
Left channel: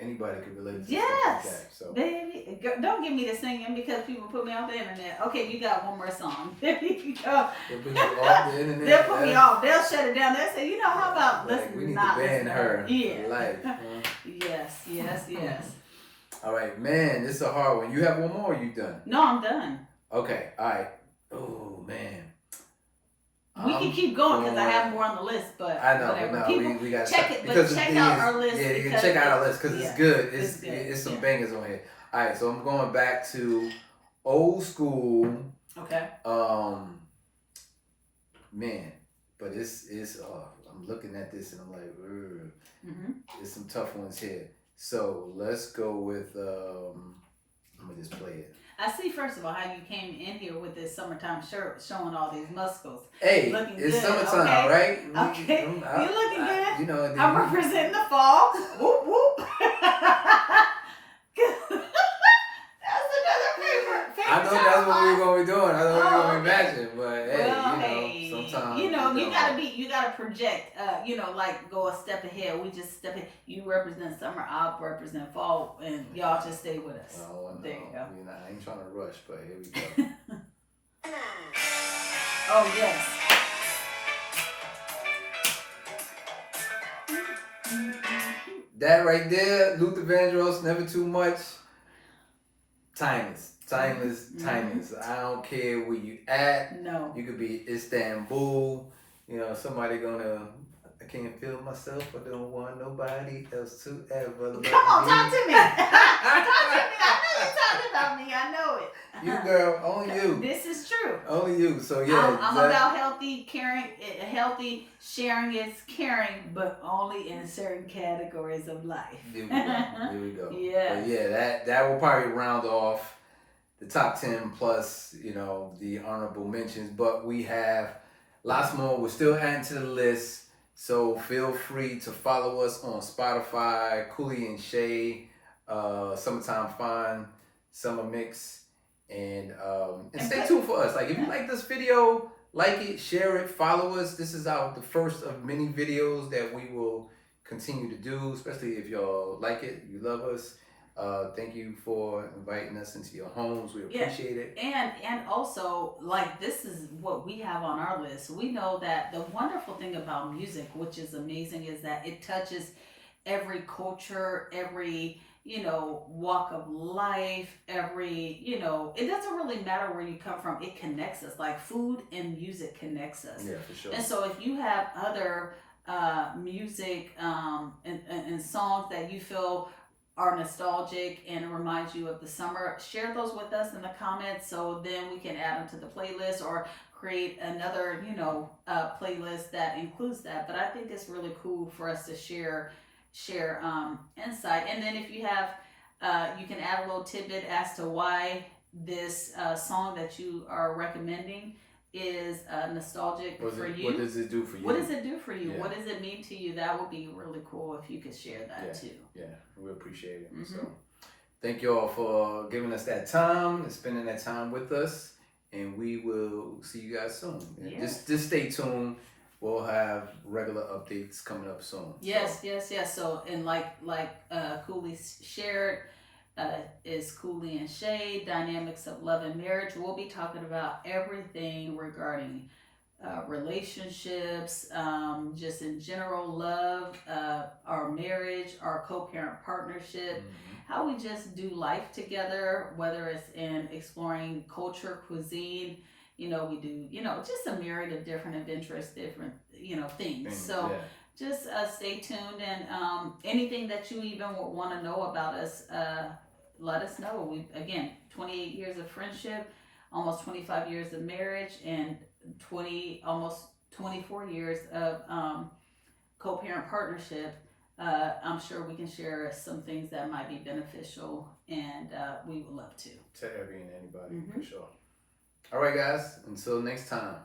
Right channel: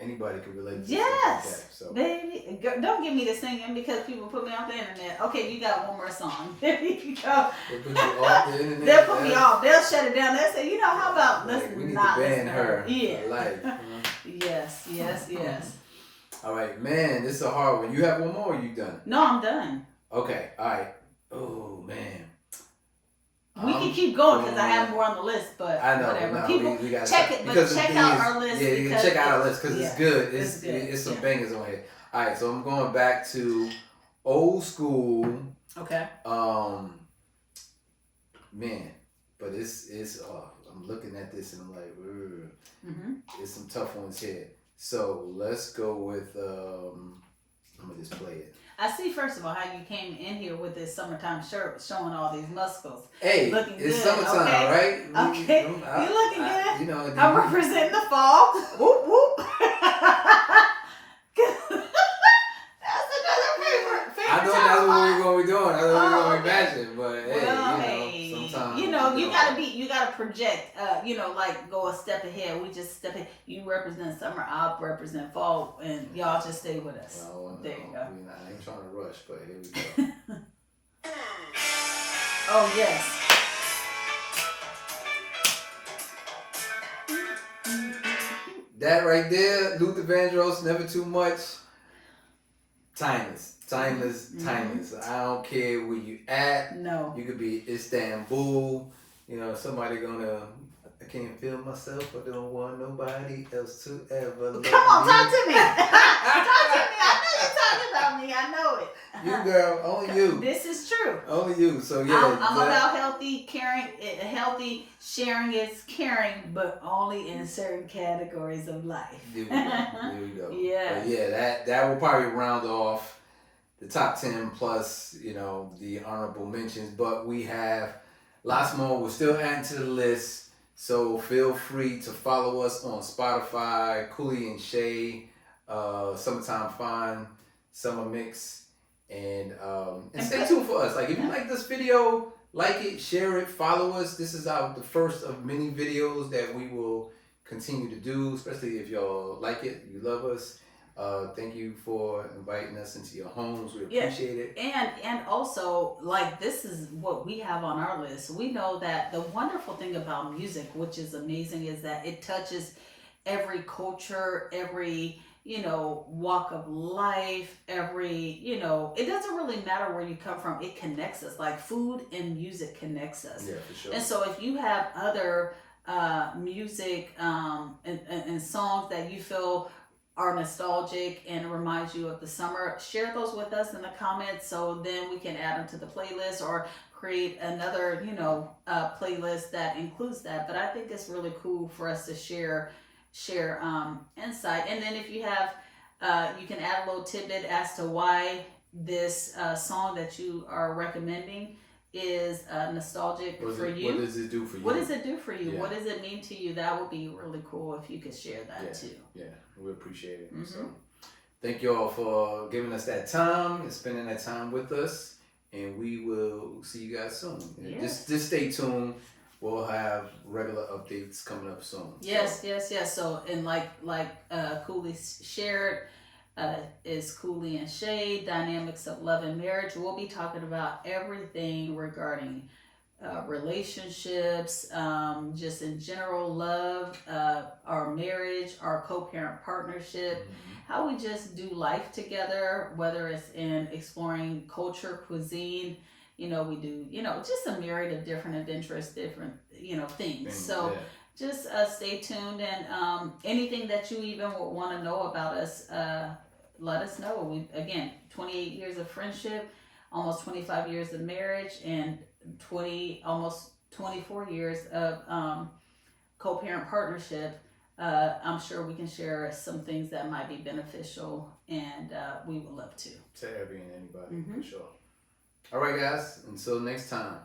anybody can relate to yes, something like that. So, baby, don't get me to singing because people put me off the internet. Okay, you got one more song. There you go. They'll put you off the internet. They'll put me off. They'll shut it down. They'll say, how about like, listen? we need not to ban her. Yeah. For life. Yes. All right, man. This is a hard one. You have one more. Or you done? No, I'm done. Okay. All right. Oh man. We can keep going because I have more on the list, but I know. whatever. No, People we got check it, but check out our list. Yeah, you can check out our list because it's good. It's good. It's some bangers on here. All right, so I'm going back to old school. Okay. Man, but it's I'm looking at this and I'm like, there's some tough ones here. So let's go with I'm gonna just play it. I see, first of all, how you came in here with this summertime shirt showing all these muscles. Hey, looking it's good, summertime, okay? right? Okay, you're looking good. I'm representing the fall. Whoop whoop. That's another favorite I know that's what we're gonna be doing. I know we're gonna be matching, but sometimes you gotta project. Like go a step ahead. We just step ahead. You represent summer, I'll represent fall, and y'all just stay with us. Well, there you go. I ain't trying to rush, but here we go. Oh yes. That right there, Luther Vandross, Never Too Much. Timeless. I don't care where you at. No. You could be Istanbul. Somebody gonna. I can't feel myself. I don't want nobody else to ever love me. Come on, talk to me. Talk to me. I know you're talking about me. I know it. You girl, only you. This is true. Only you. So yeah. I'm about healthy, caring. Healthy sharing is caring, but only in certain categories of life. Here we go. Yeah. But yeah, that will probably round off the top 10 plus, the honorable mentions. But we have lots more. We're still adding to the list. So feel free to follow us on Spotify, Cooley and Shay, Summertime Fun, Summer Mix, and stay tuned for us. Like, if you like this video, like it, share it, follow us. This is the first of many videos that we will continue to do, especially if y'all like it, you love us. Thank you for inviting us into your homes. We appreciate it. And also, like, this is what we have on our list. We know that the wonderful thing about music, which is amazing, is that it touches every culture, every walk of life, every it doesn't really matter where you come from. It connects us. Like, food and music connects us. Yeah, for sure. And so if you have other music and songs that you feel are nostalgic and reminds you of the summer, share those with us in the comments, so then we can add them to the playlist or create another playlist that includes that. But I think it's really cool for us to share insight. And then if you have you can add a little tidbit as to why this song that you are recommending is nostalgic for you. What does it do for you? What does it do for you? Yeah. What does it mean to you? That would be really cool if you could share that too. Yeah, we appreciate it. So thank you all for giving us that time and spending that time with us. And we will see you guys soon. Yes. Just stay tuned. We'll have regular updates coming up soon. Yes. So, and like Cooley shared, is Cooley and Shay, Dynamics of Love and Marriage. We'll be talking about everything regarding relationships, just in general, love, our marriage, our co-parent partnership, how we just do life together, whether it's in exploring culture, cuisine. We do, just a myriad of different adventures, different, things. So just stay tuned, and anything that you even would want to know about us, let us know. We, again, 28 years of friendship. almost 25 years of marriage and almost 24 years of co-parent partnership, I'm sure we can share some things that might be beneficial, and we would love to. To Abby and anybody, for sure. All right, guys. Until next time.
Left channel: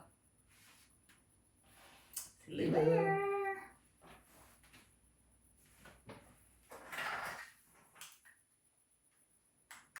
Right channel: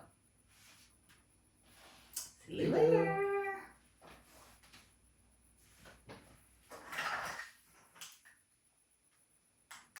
See you later.